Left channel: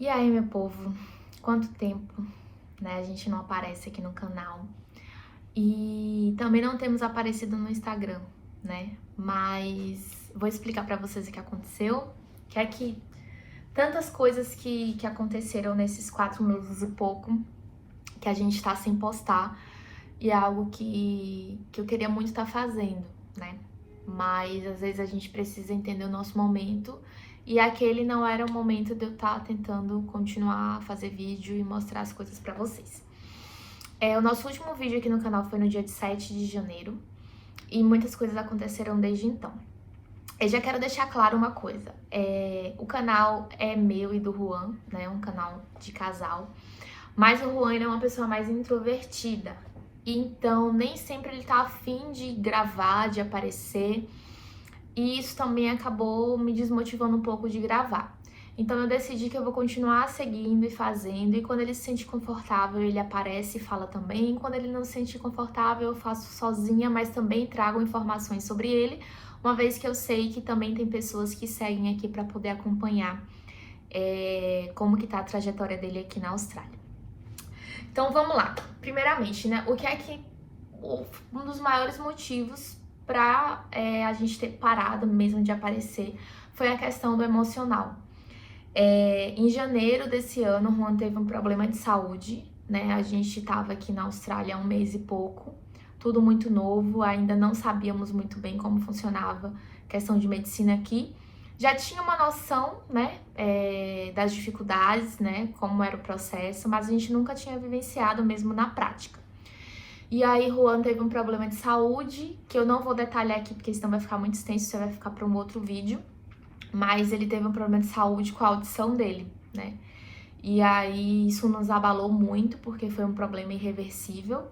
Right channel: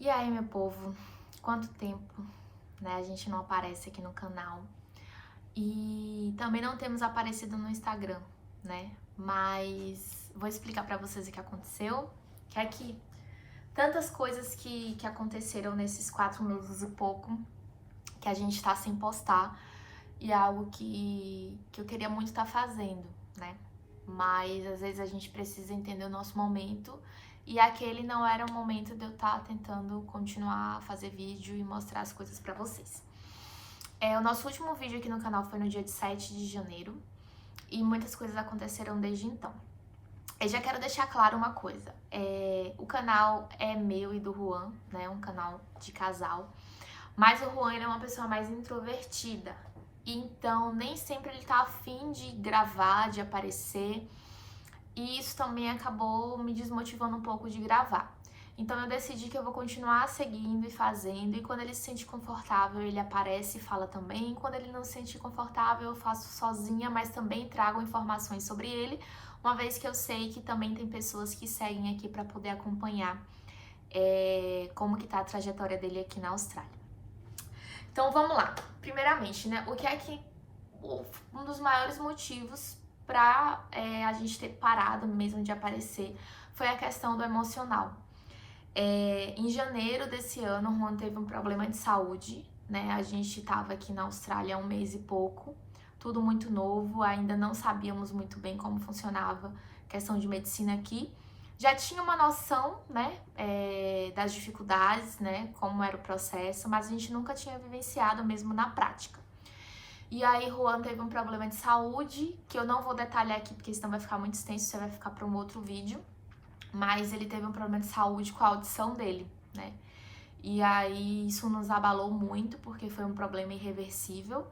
E aí, meu povo, quanto tempo, né? A gente não aparece aqui no canal. E também não temos aparecido no Instagram, né? Mas vou explicar pra vocês o que aconteceu. Que é que tantas coisas que aconteceram nesses 4 meses e pouco que a gente tá sem postar. E é algo que eu queria muito estar fazendo, né? Mas às vezes a gente precisa entender o nosso momento. E aquele não era o momento de eu estar tentando continuar a fazer vídeo e mostrar as coisas pra vocês. O nosso último vídeo aqui no canal foi no dia de 7 de janeiro. E muitas coisas aconteceram desde então. Eu já quero deixar claro uma coisa. O canal é meu e do Juan, né? Um canal de casal. Mas o Juan ele é uma pessoa mais introvertida. Então, nem sempre ele tá afim de gravar, de aparecer. E isso também acabou me desmotivando um pouco de gravar. Então eu decidi que eu vou continuar seguindo e fazendo. E quando ele se sente confortável, ele aparece e fala também. E quando ele não se sente confortável, eu faço sozinha, mas também trago informações sobre ele. Uma vez que eu sei que também tem pessoas que seguem aqui para poder acompanhar como que tá a trajetória dele aqui na Austrália. Então vamos lá. Primeiramente, né? O que é que um dos maiores motivos para a gente ter parado mesmo de aparecer foi a questão do emocional. Em janeiro desse ano, o Juan teve um problema de saúde, né? A gente estava aqui na Austrália há 1 mês e pouco, tudo muito novo, ainda não sabíamos muito bem como funcionava a questão de medicina aqui. Já tinha uma noção, né, das dificuldades, né, como era o processo, mas a gente nunca tinha vivenciado mesmo na prática. E aí, Juan teve um problema de saúde, que eu não vou detalhar aqui, porque senão vai ficar muito extenso, isso vai ficar para um outro vídeo. Mas ele teve um problema de saúde com a audição dele, né? E aí, isso nos abalou muito, porque foi um problema irreversível.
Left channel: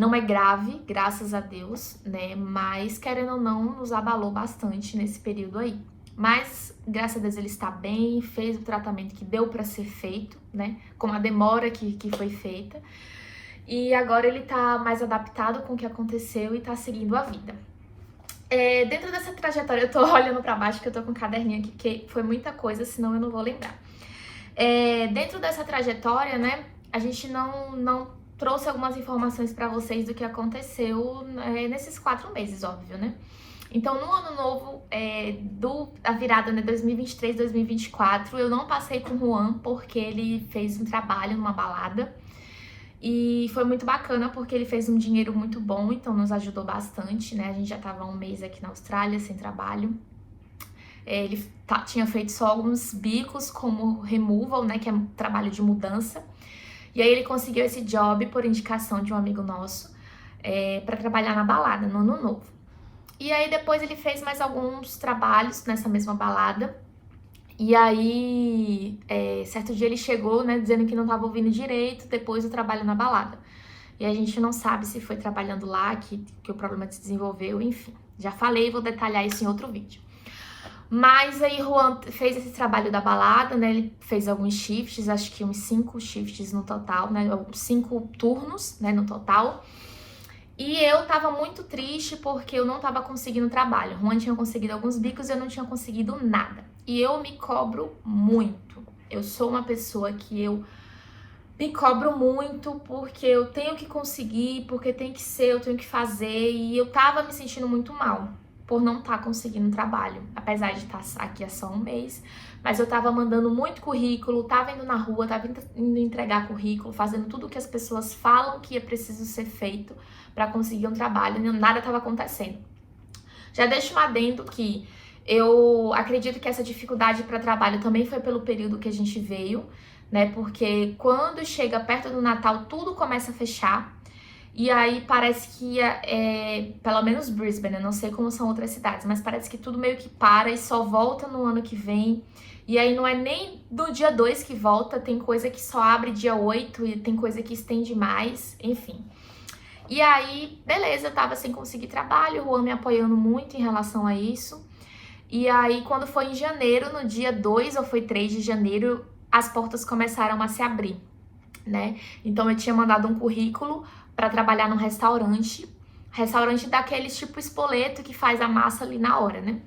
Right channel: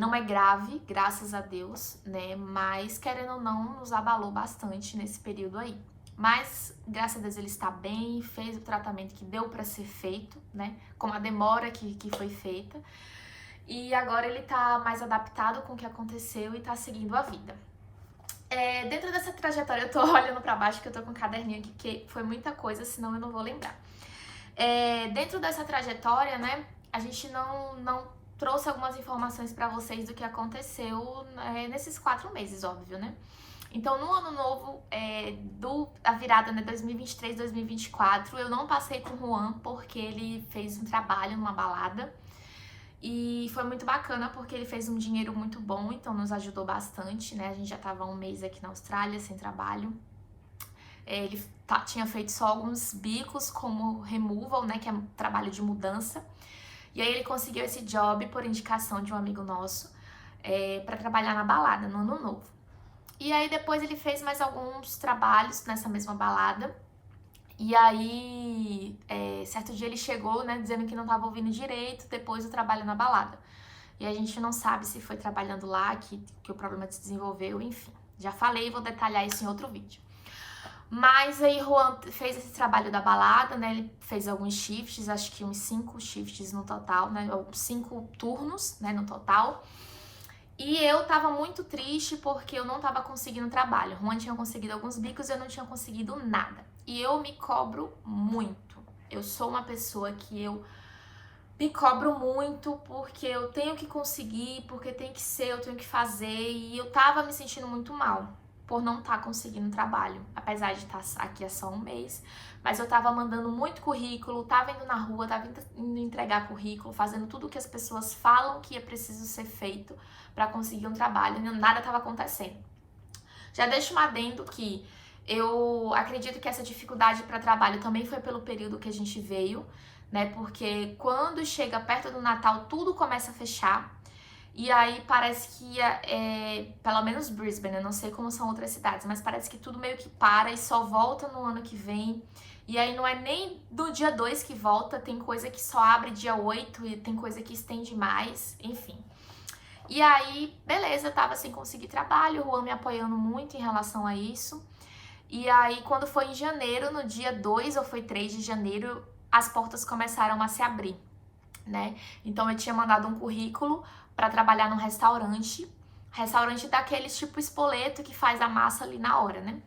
Não é grave, graças a Deus, né? Mas, querendo ou não, nos abalou bastante nesse período aí. Mas, graças a Deus, ele está bem, fez o tratamento que deu para ser feito, né? Com a demora que foi feita. E agora ele tá mais adaptado com o que aconteceu e tá seguindo a vida. Dentro dessa trajetória, eu tô olhando pra baixo, que eu tô com um caderninho aqui, que foi muita coisa, senão eu não vou lembrar. Dentro dessa trajetória, né, a gente não trouxe algumas informações pra vocês do que aconteceu nesses 4 meses, óbvio, né? Então, no ano novo, da virada, né, 2023, 2024, eu não passei com o Juan, porque ele fez um trabalho numa balada. E foi muito bacana porque ele fez um dinheiro muito bom, então nos ajudou bastante, né? A gente já tava há 1 mês aqui na Austrália sem trabalho. Ele tinha feito só alguns bicos como removal, né? Que é um trabalho de mudança. E aí ele conseguiu esse job por indicação de um amigo nosso para trabalhar na balada, no ano novo. E aí depois ele fez mais alguns trabalhos nessa mesma balada. E aí, certo dia ele chegou, né, dizendo que não tava ouvindo direito depois do trabalho na balada. E a gente não sabe se foi trabalhando lá que o problema se desenvolveu, enfim. Já falei, vou detalhar isso em outro vídeo. Mas aí Juan fez esse trabalho da balada, né, ele fez alguns shifts, acho que uns 5 shifts no total, né, 5 turnos, né, no total. E eu tava muito triste porque eu não tava conseguindo trabalho. Juan tinha conseguido alguns bicos e eu não tinha conseguido nada. E eu me cobro muito. Eu sou uma pessoa que eu me cobro muito porque eu tenho que conseguir, porque tem que ser, eu tenho que fazer. E eu tava me sentindo muito mal por não estar conseguindo trabalho. Apesar de estar aqui há só 1 mês. Mas eu tava mandando muito currículo, tava indo na rua, tava indo entregar currículo, fazendo tudo o que as pessoas falam que é preciso ser feito para conseguir um trabalho, e nada estava acontecendo. Já deixo um adendo que eu acredito que essa dificuldade para trabalho também foi pelo período que a gente veio, né? Porque quando chega perto do Natal, tudo começa a fechar. E aí parece que, pelo menos Brisbane, eu não sei como são outras cidades, mas parece que tudo meio que para e só volta no ano que vem. E aí não é nem do dia 2 que volta, tem coisa que só abre dia 8 e tem coisa que estende mais, enfim. E aí, beleza, eu tava sem conseguir trabalho, o Juan me apoiando muito em relação a isso. E aí, quando foi em janeiro, no dia 2 ou foi 3 de janeiro, as portas começaram a se abrir, né? Então, eu tinha mandado um currículo para trabalhar num restaurante daqueles tipo espoleto que faz a massa ali na hora, né?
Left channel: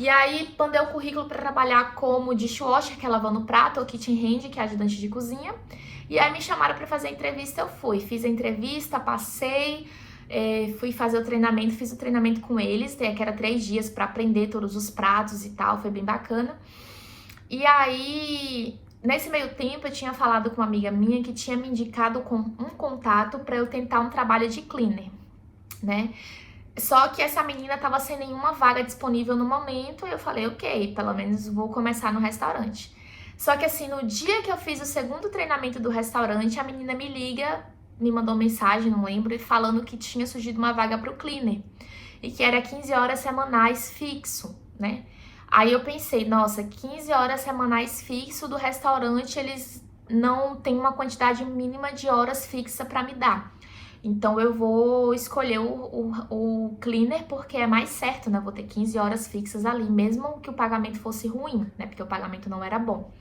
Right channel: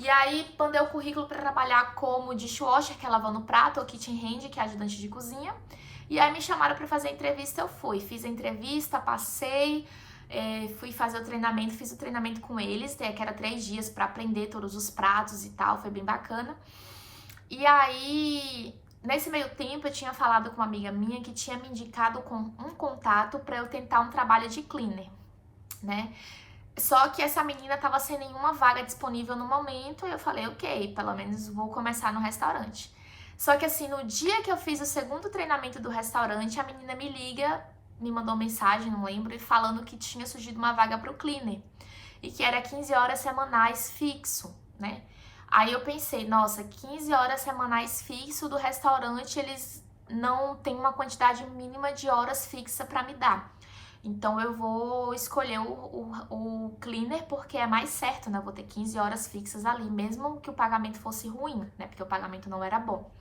E aí, mandei o currículo para trabalhar como dishwasher, que é lavando prato, ou kitchen hand, que é ajudante de cozinha. E aí me chamaram para fazer a entrevista, eu fui. Fiz a entrevista, passei, fui fazer o treinamento, fiz o treinamento com eles, que era 3 dias para aprender todos os pratos e tal, foi bem bacana. E aí, nesse meio tempo, eu tinha falado com uma amiga minha que tinha me indicado com um contato para eu tentar um trabalho de cleaner, né? Só que essa menina tava sem nenhuma vaga disponível no momento, e eu falei, ok, pelo menos vou começar no restaurante. Só que assim, no dia que eu fiz o segundo treinamento do restaurante, a menina me liga, me mandou mensagem, não lembro, falando que tinha surgido uma vaga pro cleaner. E que era 15 horas semanais fixo, né? Aí eu pensei, nossa, 15 horas semanais fixo do restaurante, eles não têm uma quantidade mínima de horas fixa para me dar. Então eu vou escolher o cleaner porque é mais certo, né? Vou ter 15 horas fixas ali, mesmo que o pagamento fosse ruim, né? Porque o pagamento não era bom.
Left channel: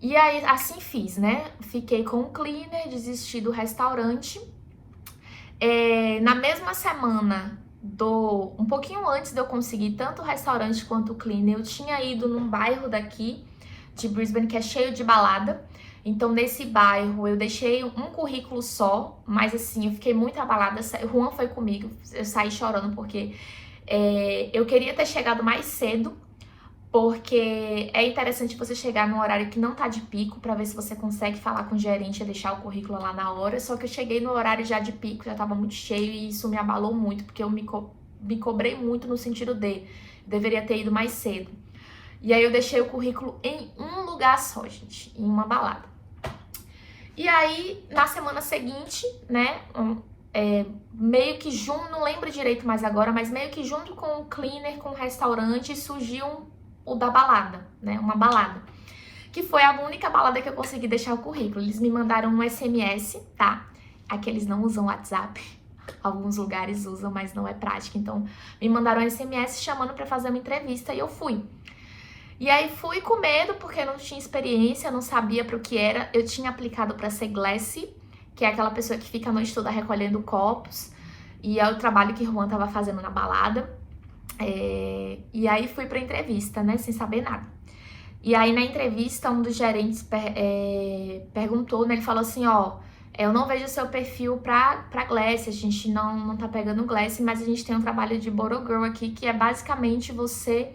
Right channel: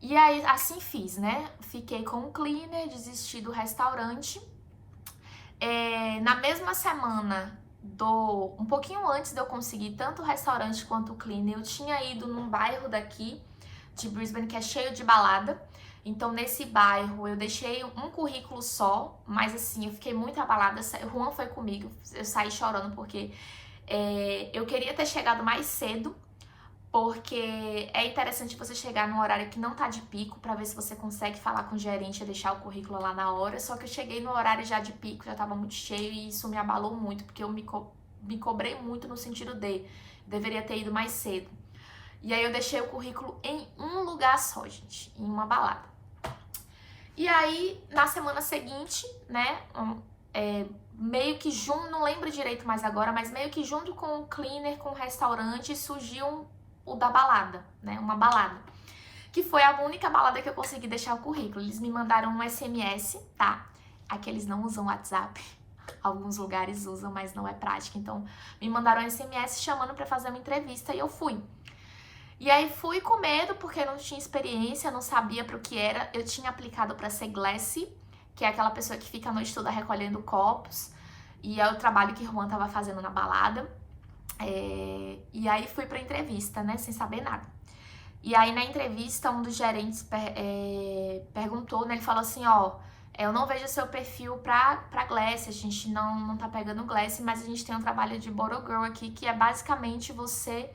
E aí, assim fiz, né? Fiquei com o cleaner, desisti do restaurante. Na mesma semana, um pouquinho antes de eu conseguir tanto o restaurante quanto o cleaner, eu tinha ido num bairro daqui de Brisbane que é cheio de balada. Então, nesse bairro, eu deixei um currículo só, mas assim, eu fiquei muito abalada. O Juan foi comigo, eu saí chorando porque eu queria ter chegado mais cedo, porque é interessante você chegar num horário que não tá de pico, pra ver se você consegue falar com o gerente e deixar o currículo lá na hora. Só que eu cheguei no horário já de pico, já tava muito cheio e isso me abalou muito, porque eu me cobrei muito no sentido de deveria ter ido mais cedo. E aí eu deixei o currículo em um lugar só, gente, em uma balada. E aí, na semana seguinte, né, meio que junto, não lembro direito mais agora, mas meio que junto com o cleaner, com o restaurante, surgiu o da balada, né, uma balada. Que foi a única balada que eu consegui deixar o currículo. Eles me mandaram um SMS, tá? Aqui eles não usam WhatsApp. Alguns lugares usam, mas não é prático. Então, me mandaram um SMS chamando pra fazer uma entrevista e eu fui. E aí fui com medo, porque não tinha experiência, não sabia para o que era. Eu tinha aplicado para ser glassy, que é aquela pessoa que fica à noite toda recolhendo copos. E é o trabalho que Juan tava fazendo na balada. E aí fui pra entrevista, né, sem saber nada. E aí na entrevista, um dos gerentes perguntou, né, ele falou assim, ó, eu não vejo o seu perfil pra glassy, a gente não tá pegando glassy, mas a gente tem um trabalho de bottle girl aqui, que é basicamente você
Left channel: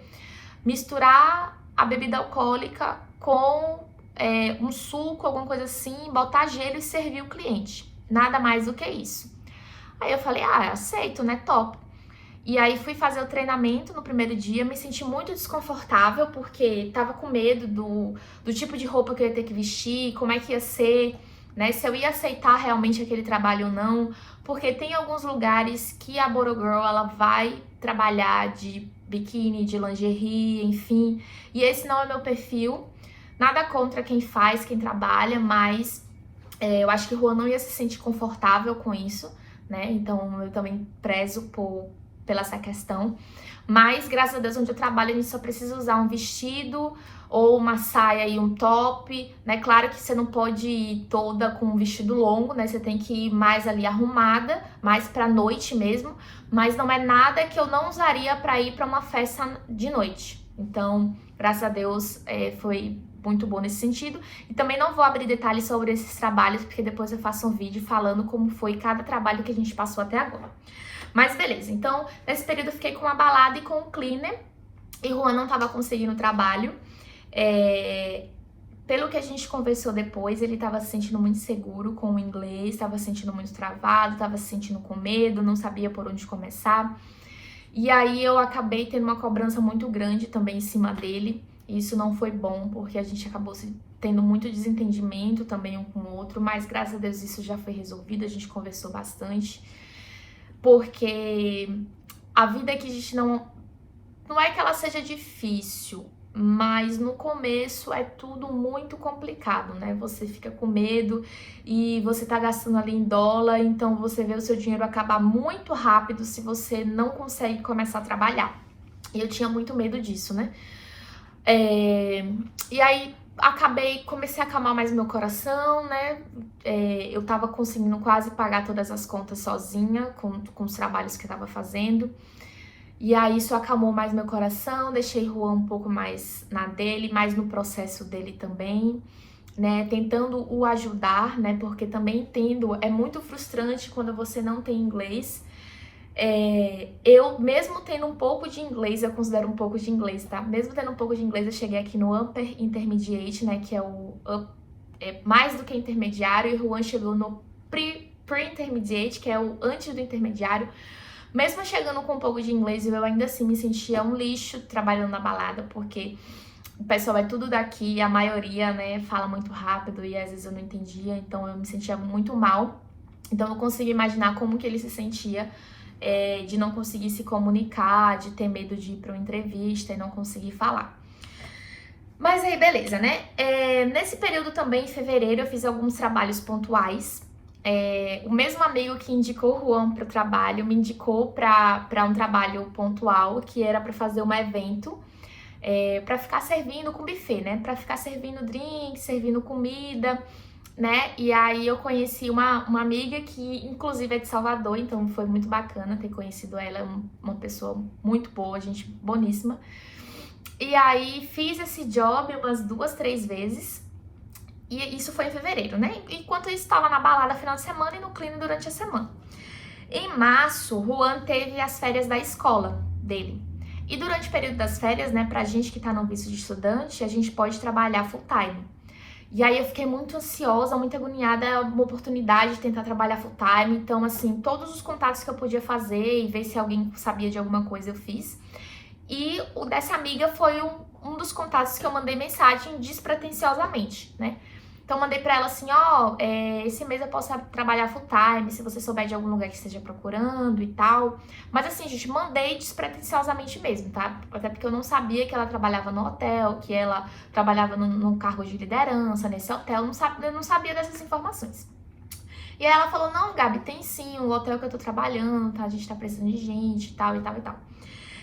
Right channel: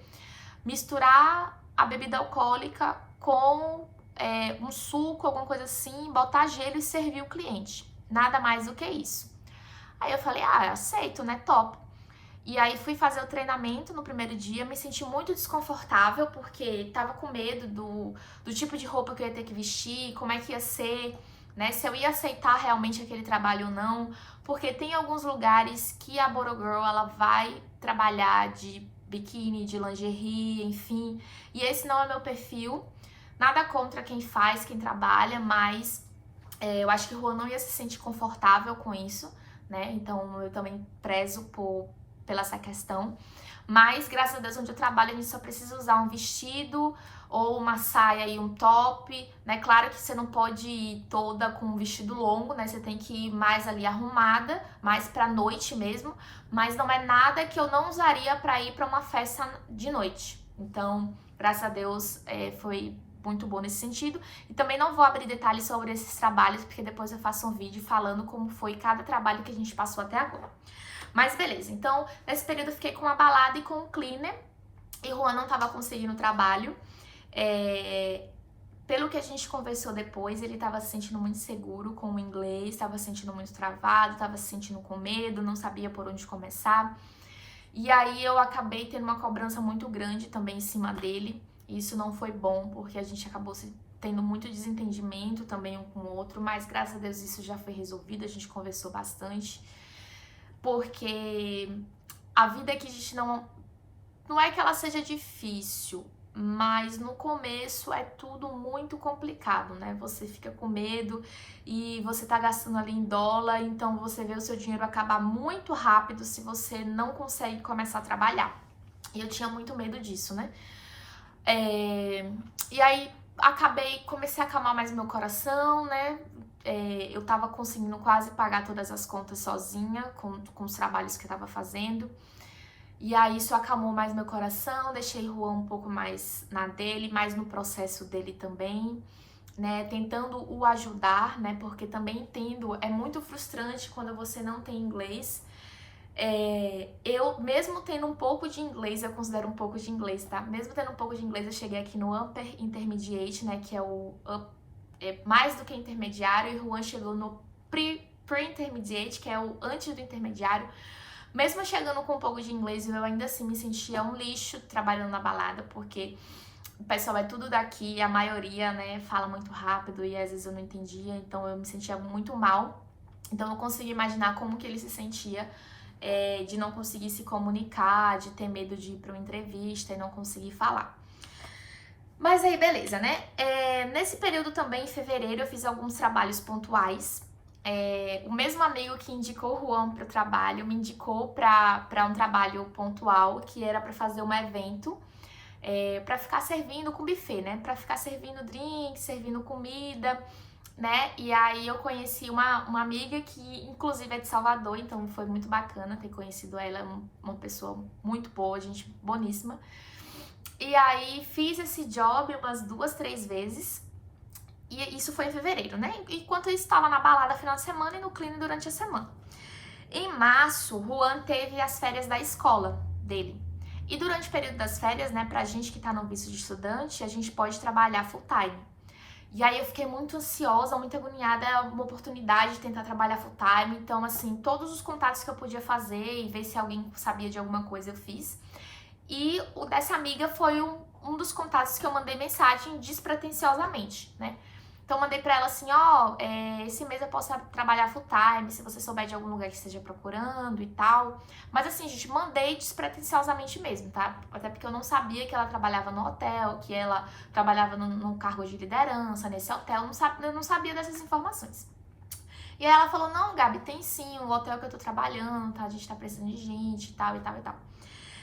misturar a bebida alcoólica com um suco, alguma coisa assim, botar gelo e servir o cliente. Nada mais do que isso. Aí eu falei, aceito, né? Top. E aí fui fazer o treinamento no primeiro dia, me senti muito desconfortável, porque tava com medo do tipo de roupa que eu ia ter que vestir, como é que ia ser, né? Se eu ia aceitar realmente aquele trabalho ou não. Porque tem alguns lugares que a Bottle Girl, ela vai trabalhar de biquíni, de lingerie, enfim. E esse não é meu perfil. Nada contra quem faz, quem trabalha, mas eu acho que o Juan não ia se sentir confortável com isso, né? Então eu também prezo pela essa questão. Mas, graças a Deus, onde eu trabalho, a gente só precisa usar um vestido ou uma saia e um top, né? Claro que você não pode ir toda com um vestido longo, né? Você tem que ir mais ali arrumada, mais pra noite mesmo. Mas não é nada que eu não usaria pra ir pra uma festa de noite. Então, graças a Deus, foi muito bom nesse sentido. E também não vou abrir detalhes sobre esses trabalhos, porque depois eu faço um vídeo falando como foi cada trabalho que a gente passou até agora. Mas beleza, então nesse período eu fiquei com uma balada e com o cleaner. E Juan não tava conseguindo trabalho. Pelo que a gente conversou depois, ele tava se sentindo muito inseguro com o inglês, tava se sentindo muito travado, tava se sentindo com medo, não sabia por onde começar. E aí eu acabei tendo uma cobrança muito grande também em cima dele. E isso não foi bom, porque a gente acabou tendo muito desentendimento também um com o outro, mas graças a Deus isso já foi resolvido, a gente conversou bastante. Porque a vida que a gente não é que ela seja difícil, mas no começo é tudo muito complicado, né? Você fica com medo e você tá gastando ali em dólar, então você vê o seu dinheiro acabar muito rápido se você não consegue começar a trabalhar. E eu tinha muito medo disso, né? E aí comecei a acalmar mais meu coração, né? Eu tava conseguindo quase pagar todas as contas sozinha, com os trabalhos que eu tava fazendo. E aí isso acalmou mais meu coração, deixei Juan um pouco mais na dele, mais no processo dele também, né? Tentando o ajudar, né? Porque também entendo, é muito frustrante quando você não tem inglês. Eu, mesmo tendo um pouco de inglês, eu considero um pouco de inglês, tá? Mesmo tendo um pouco de inglês, eu cheguei aqui no Upper Intermediate, né? Que é mais do que intermediário, e o Juan chegou no Pre-Intermediate, que é o antes do intermediário. Mesmo chegando com um pouco de inglês, eu ainda assim me sentia um lixo trabalhando na balada, porque o pessoal é tudo daqui, a maioria, né, fala muito rápido e às vezes eu não entendia, então eu me sentia muito mal. Então eu consigo imaginar como que ele se sentia de não conseguir se comunicar, de ter medo de ir para uma entrevista e não conseguir falar. Mas aí, beleza, né? Nesse período também, em fevereiro, eu fiz alguns trabalhos pontuais. O mesmo amigo que indicou o Juan para o trabalho me indicou para um trabalho pontual, que era para fazer um evento, para ficar servindo com buffet, né? Para ficar servindo drink, servindo comida, né? E aí eu conheci uma amiga que inclusive é de Salvador, então foi muito bacana ter conhecido ela, uma pessoa muito boa, gente boníssima. E aí fiz esse job umas 2, 3 vezes. E isso foi em fevereiro, né? Enquanto eu estava na balada final de semana e no clean durante a semana. Em março, Juan teve as férias da escola dele. E durante o período das férias, né, pra gente que tá no visto de estudante, a gente pode trabalhar full time. E aí eu fiquei muito ansiosa, muito agoniada, uma oportunidade de tentar trabalhar full time. Então, assim, todos os contatos que eu podia fazer e ver se alguém sabia de alguma coisa eu fiz. E o dessa amiga foi um dos contatos que eu mandei mensagem despretensiosamente, né? Então, mandei pra ela assim, esse mês eu posso trabalhar full time, se você souber de algum lugar que esteja procurando e tal. Mas assim, gente, mandei despretensiosamente mesmo, tá? Até porque eu não sabia que ela trabalhava no hotel, que ela trabalhava num cargo de liderança nesse hotel, eu não sabia dessas informações. E aí ela falou, não, Gabi, tem sim, o hotel que eu tô trabalhando, tá? A gente tá precisando de gente e tal, e tal, e tal.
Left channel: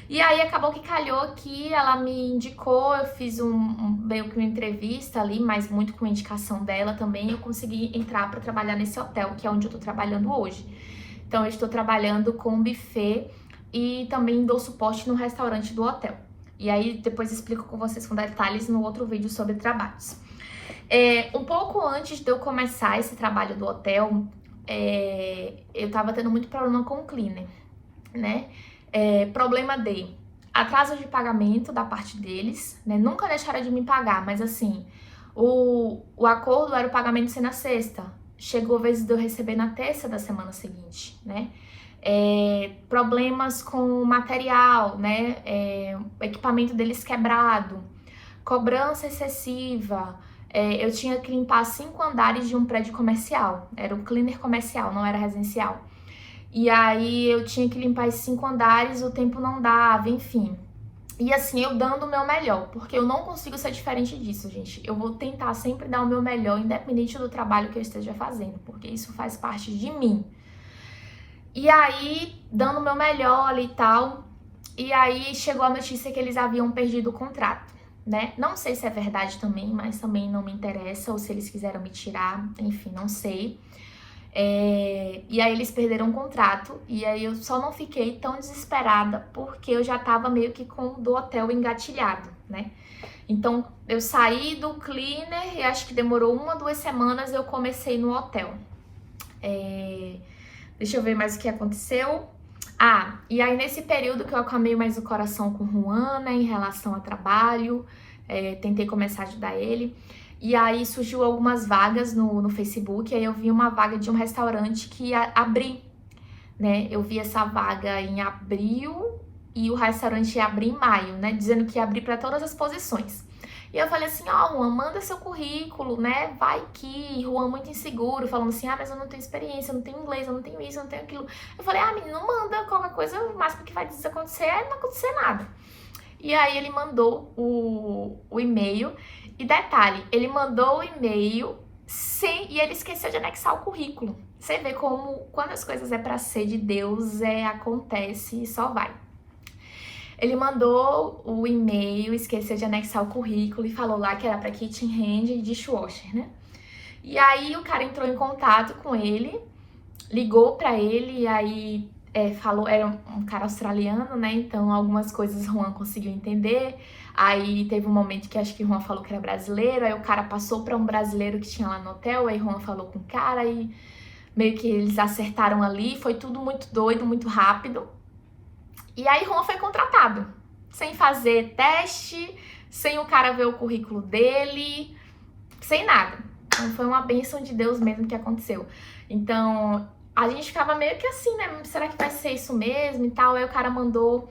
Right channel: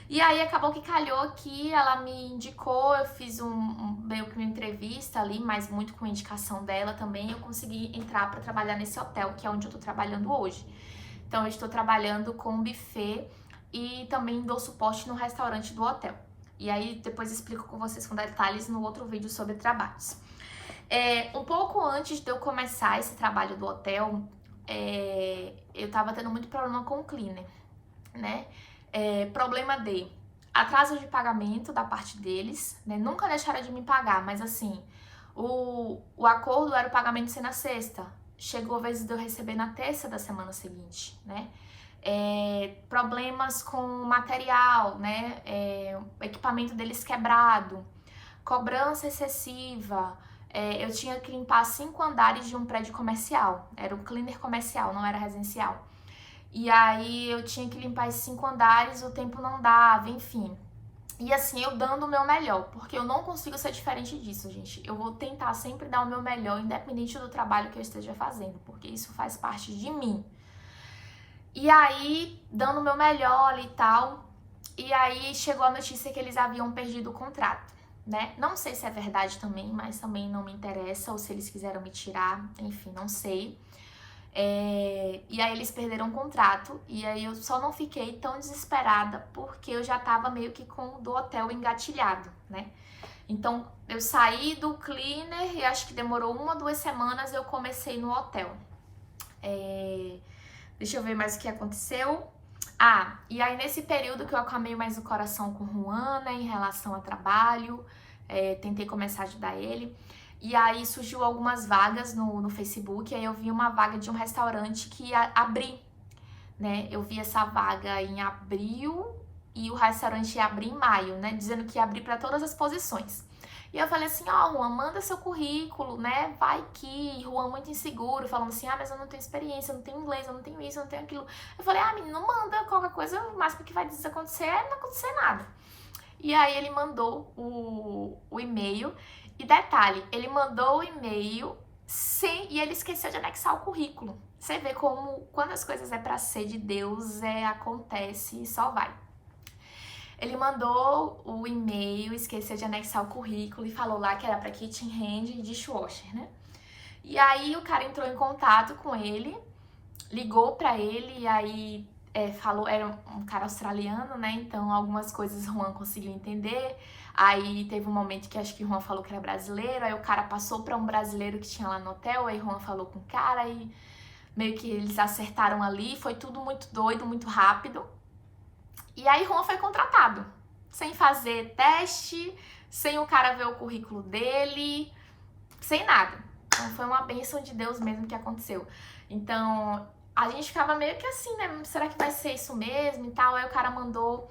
E aí acabou que calhou que ela me indicou, eu fiz meio que uma entrevista ali, mas muito com indicação dela também, eu consegui entrar para trabalhar nesse hotel, que é onde eu tô trabalhando hoje. Então eu estou trabalhando com buffet e também dou suporte no restaurante do hotel. E aí depois explico com vocês com detalhes no outro vídeo sobre trabalhos. Um pouco antes de eu começar esse trabalho do hotel, eu tava tendo muito problema com o cleaner, né? Problema de atraso de pagamento da parte deles, né? Nunca deixaram de me pagar, mas assim, o acordo era o pagamento ser na sexta. Chegou a vez de eu receber na terça da semana seguinte, né? Problemas com material, né? O equipamento deles quebrado, cobrança excessiva. Eu tinha que limpar 5 andares de um prédio comercial. Era um cleaner comercial, não era residencial. E aí eu tinha que limpar esses 5 andares, o tempo não dava, enfim. E assim, eu dando o meu melhor, porque eu não consigo ser diferente disso, gente. Eu vou tentar sempre dar o meu melhor, independente do trabalho que eu esteja fazendo, porque isso faz parte de mim. E aí, dando o meu melhor ali e tal, e aí chegou a notícia que eles haviam perdido o contrato, né? Não sei se é verdade também, mas também não me interessa, ou se eles quiseram me tirar, enfim, não sei. E aí eles perderam o contrato, e aí eu só não fiquei tão desesperada, porque eu já tava meio que com o do hotel engatilhado, né? Então, eu saí do cleaner e acho que demorou 1 ou 2 semanas eu comecei no hotel. Deixa eu ver mais o que aconteceu. E aí nesse período que eu acalmei mais o coração com o Juan, né, em relação a trabalho, tentei começar a ajudar ele. E aí surgiu algumas vagas no Facebook, aí eu vi uma vaga de um restaurante que ia abrir, né? Eu vi essa vaga em abril e o restaurante ia abrir em maio, né? Dizendo que ia abrir para todas as posições. E eu falei assim, Juan, manda seu currículo, né? Vai que Juan muito inseguro, falando assim, mas eu não tenho experiência, eu não tenho inglês, eu não tenho isso, eu não tenho aquilo. Eu falei, menino, manda qualquer coisa, o máximo que vai acontecer é não acontecer nada. E aí ele mandou o e-mail. E detalhe, ele mandou o e-mail e ele esqueceu de anexar o currículo. Você vê como, quando as coisas é pra ser de Deus, acontece e só vai. Ele mandou o e-mail, esqueceu de anexar o currículo e falou lá que era pra kitchen hand e dishwasher, né? E aí o cara entrou em contato com ele, ligou pra ele e aí falou, era um cara australiano, né? Então algumas coisas Juan conseguiu entender. Aí teve um momento que acho que Juan falou que era brasileiro, aí o cara passou para um brasileiro que tinha lá no hotel, aí Juan falou com o cara e meio que eles acertaram ali, foi tudo muito doido, muito rápido. E aí Juan foi contratado, sem fazer teste, sem o cara ver o currículo dele, sem nada. Então foi uma bênção de Deus mesmo que aconteceu. Então a gente ficava meio que assim, né? Será que vai ser isso mesmo e tal? Aí o cara mandou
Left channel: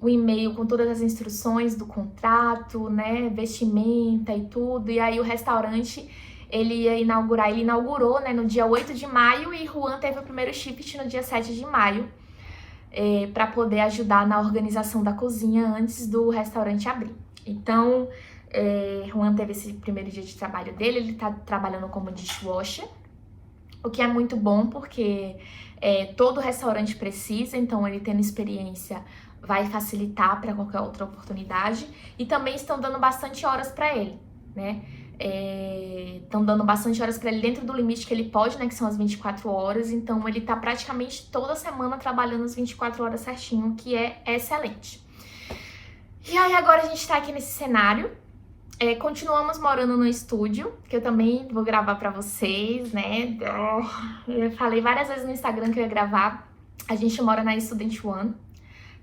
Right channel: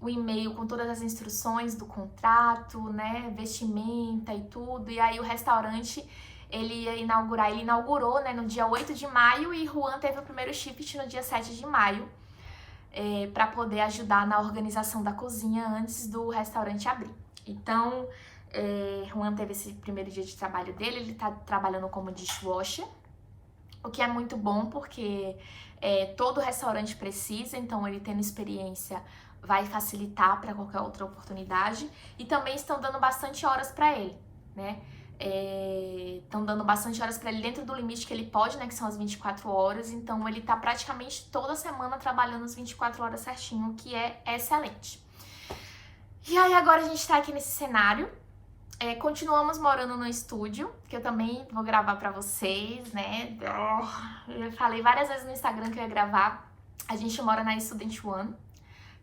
o e-mail com todas as instruções do contrato, né, vestimenta e tudo, e aí o restaurante, ele inaugurou, né, no dia 8 de maio, e Juan teve o primeiro shift no dia 7 de maio, para poder ajudar na organização da cozinha antes do restaurante abrir. Então, Juan teve esse primeiro dia de trabalho dele, ele tá trabalhando como dishwasher, o que é muito bom, porque todo restaurante precisa, então ele tendo experiência vai facilitar para qualquer outra oportunidade. E também estão dando bastante horas para ele, né? Estão dando bastante horas para ele dentro do limite que ele pode, né? Que são as 24 horas. Então ele tá praticamente toda semana trabalhando as 24 horas certinho, que é excelente. E aí agora a gente tá aqui nesse cenário. Continuamos morando no estúdio, que eu também vou gravar pra vocês, né? Eu falei várias vezes no Instagram que eu ia gravar. A gente mora na Student One,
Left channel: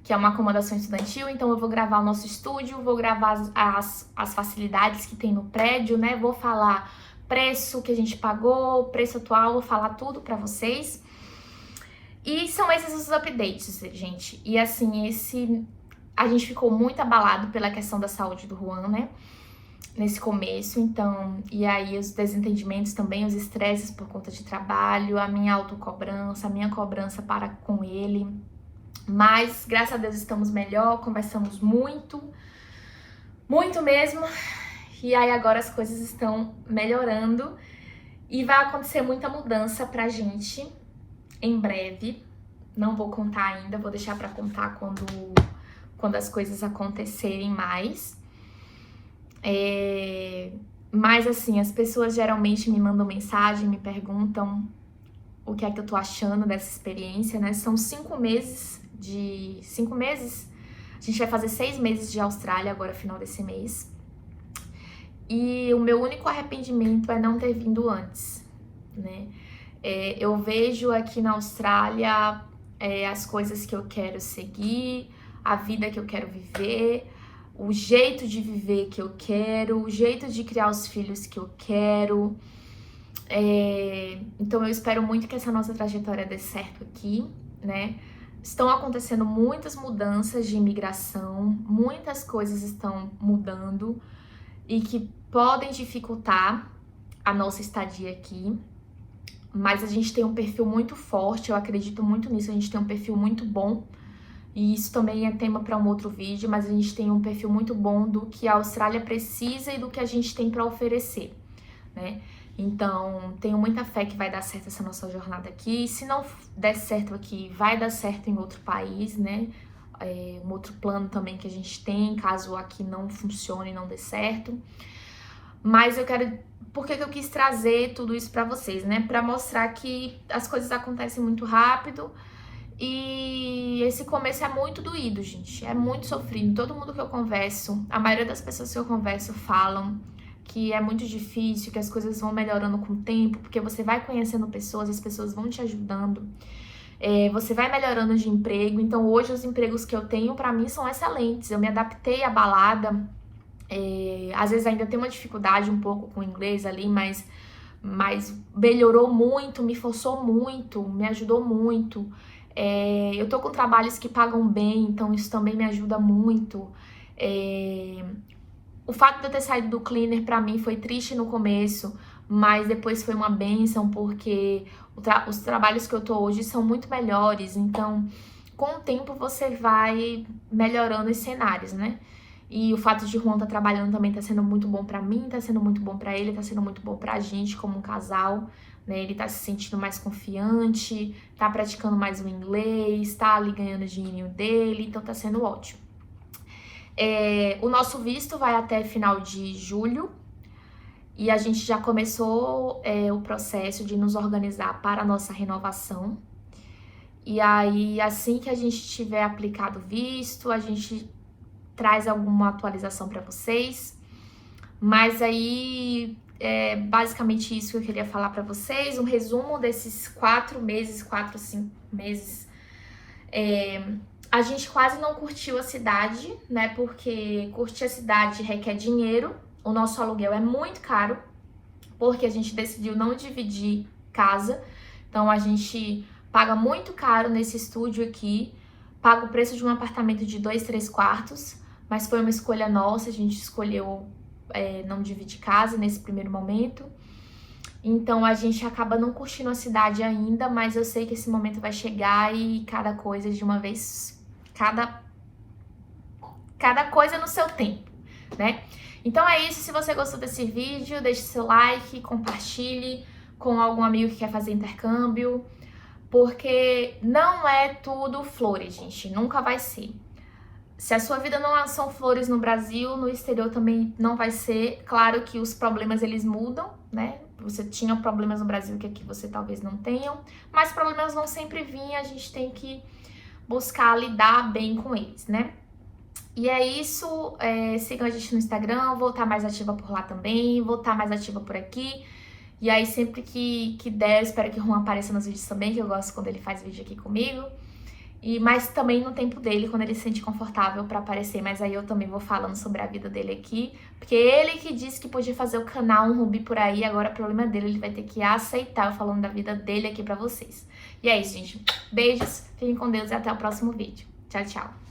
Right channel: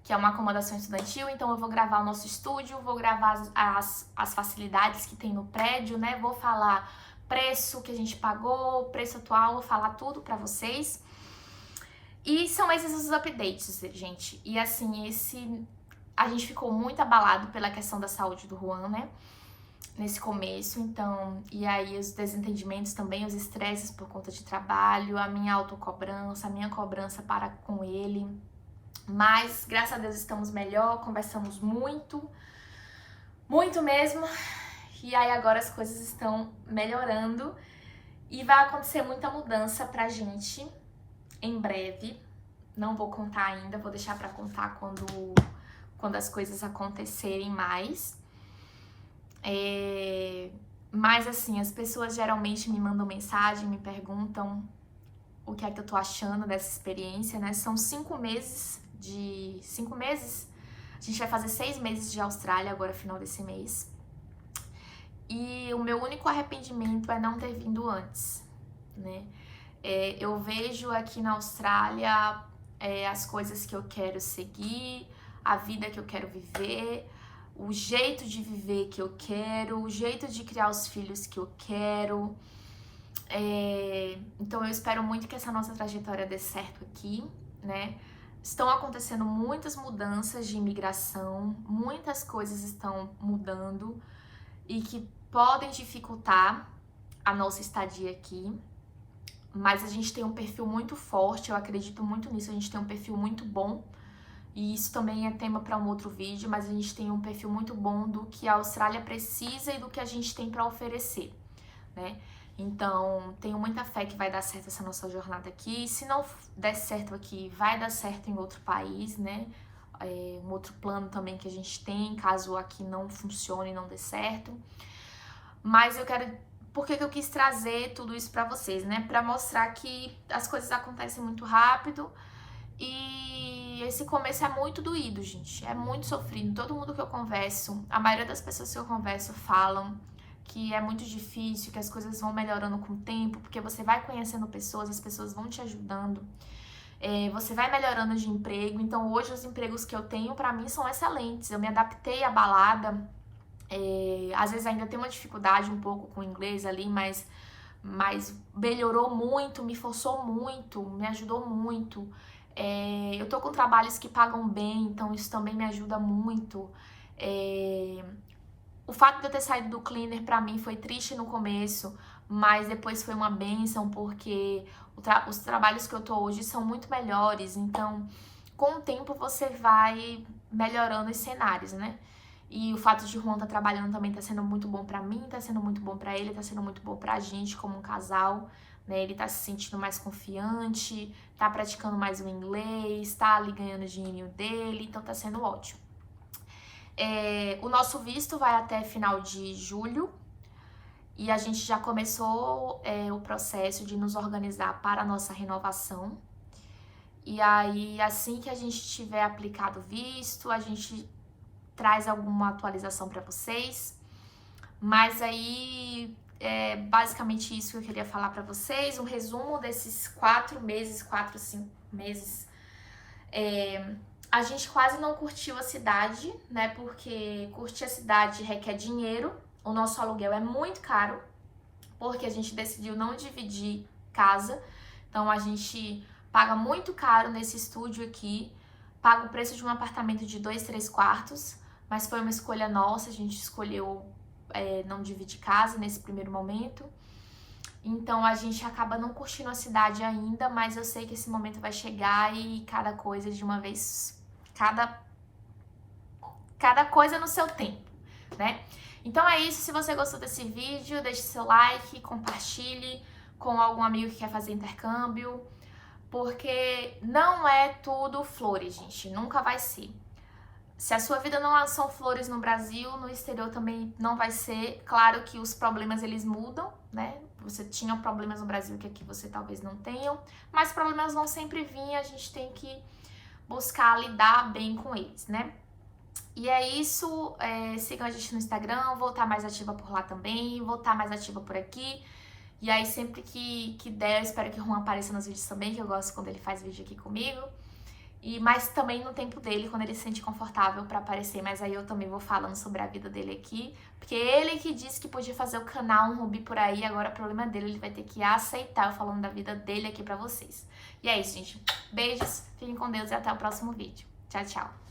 que é uma acomodação estudantil, então eu vou gravar o nosso estúdio, vou gravar as facilidades que tem no prédio, né? Vou falar preço que a gente pagou, preço atual, vou falar tudo pra vocês. E são esses os updates, gente. E assim, a gente ficou muito abalado pela questão da saúde do Juan, né? Nesse começo, então, e aí os desentendimentos também, os estresses por conta de trabalho, a minha autocobrança, a minha cobrança para com ele. Mas, graças a Deus, estamos melhor, conversamos muito, muito mesmo. E aí agora as coisas estão melhorando e vai acontecer muita mudança pra gente em breve. Não vou contar ainda, vou deixar pra contar quando as coisas acontecerem mais. Mas assim, as pessoas geralmente me mandam mensagem, me perguntam o que é que eu tô achando dessa experiência, né? São 5 meses. A gente vai fazer 6 meses de Austrália agora, final desse mês. E o meu único arrependimento é não ter vindo antes, né? Eu vejo aqui na Austrália as coisas que eu quero seguir, a vida que eu quero viver, o jeito de viver que eu quero, o jeito de criar os filhos que eu quero. Então eu espero muito que essa nossa trajetória dê certo aqui, né? Estão acontecendo muitas mudanças de imigração, muitas coisas estão mudando e que podem dificultar a nossa estadia aqui. Mas a gente tem um perfil muito forte, eu acredito muito nisso, a gente tem um perfil muito bom. E isso também é tema para um outro vídeo, mas a gente tem um perfil muito bom do que a Austrália precisa e do que a gente tem para oferecer, né? Então, tenho muita fé que vai dar certo essa nossa jornada aqui. E se não der certo aqui, vai dar certo em outro país, né? Um outro plano também que a gente tem, caso aqui não funcione e não dê certo. Mas eu quero... Por que eu quis trazer tudo isso pra vocês, né? Pra mostrar que as coisas acontecem muito rápido. E esse começo é muito doído, gente. É muito sofrido. Todo mundo que eu converso, a maioria das pessoas que eu converso falam que é muito difícil, que as coisas vão melhorando com o tempo, porque você vai conhecendo pessoas, as pessoas vão te ajudando, você vai melhorando de emprego. Então hoje os empregos que eu tenho pra mim são excelentes, eu me adaptei à balada, às vezes ainda tenho uma dificuldade um pouco com o inglês ali, mas melhorou muito, me forçou muito, me ajudou muito. Eu tô com trabalhos que pagam bem, então isso também me ajuda muito. O fato de eu ter saído do cleaner pra mim foi triste no começo, mas depois foi uma bênção, porque os trabalhos que eu tô hoje são muito melhores. Então, com o tempo você vai melhorando os cenários, né? E o fato de Juan estar trabalhando também tá sendo muito bom pra mim, tá sendo muito bom pra ele, tá sendo muito bom pra gente como um casal, né? Ele tá se sentindo mais confiante, tá praticando mais o inglês, tá ali ganhando o dinheirinho dele, então tá sendo ótimo. O nosso visto vai até final de julho e a gente já começou o processo de nos organizar para a nossa renovação. E aí, assim que a gente tiver aplicado o visto, a gente traz alguma atualização para vocês. Mas aí, é basicamente isso que eu queria falar para vocês. Um resumo desses 4 meses, 4, 5 meses. A gente quase não curtiu a cidade, né? Porque curtir a cidade requer dinheiro. O nosso aluguel é muito caro, porque a gente decidiu não dividir casa. Então, a gente paga muito caro nesse estúdio aqui. Paga o preço de um apartamento de 2, 3 quartos. Mas foi uma escolha nossa, a gente escolheu não dividir casa nesse primeiro momento. Então, a gente acaba não curtindo a cidade ainda, mas eu sei que esse momento vai chegar e cada coisa de uma vez, cada coisa no seu tempo, né? Então é isso, se você gostou desse vídeo, deixe seu like, compartilhe com algum amigo que quer fazer intercâmbio, porque não é tudo flores, gente, nunca vai ser. Se a sua vida não são flores no Brasil, no exterior também não vai ser. Claro que os problemas eles mudam, né? Você tinha problemas no Brasil que aqui você talvez não tenham, mas problemas vão sempre vir e a gente tem que buscar lidar bem com eles, né? E é isso, sigam a gente no Instagram, vou estar mais ativa por lá também, vou estar mais ativa por aqui. E aí sempre que der, eu espero que o Juan apareça nos vídeos também, que eu gosto quando ele faz vídeo aqui comigo. Mas também no tempo dele, quando ele se sente confortável para aparecer, mas aí eu também vou falando sobre a vida dele aqui, porque ele que disse que podia fazer o canal Um Rubi por aí, agora o problema dele, ele vai ter que aceitar eu falando da vida dele aqui pra vocês. E é isso, gente. Beijos, fiquem com Deus e até o próximo vídeo. Tchau, tchau.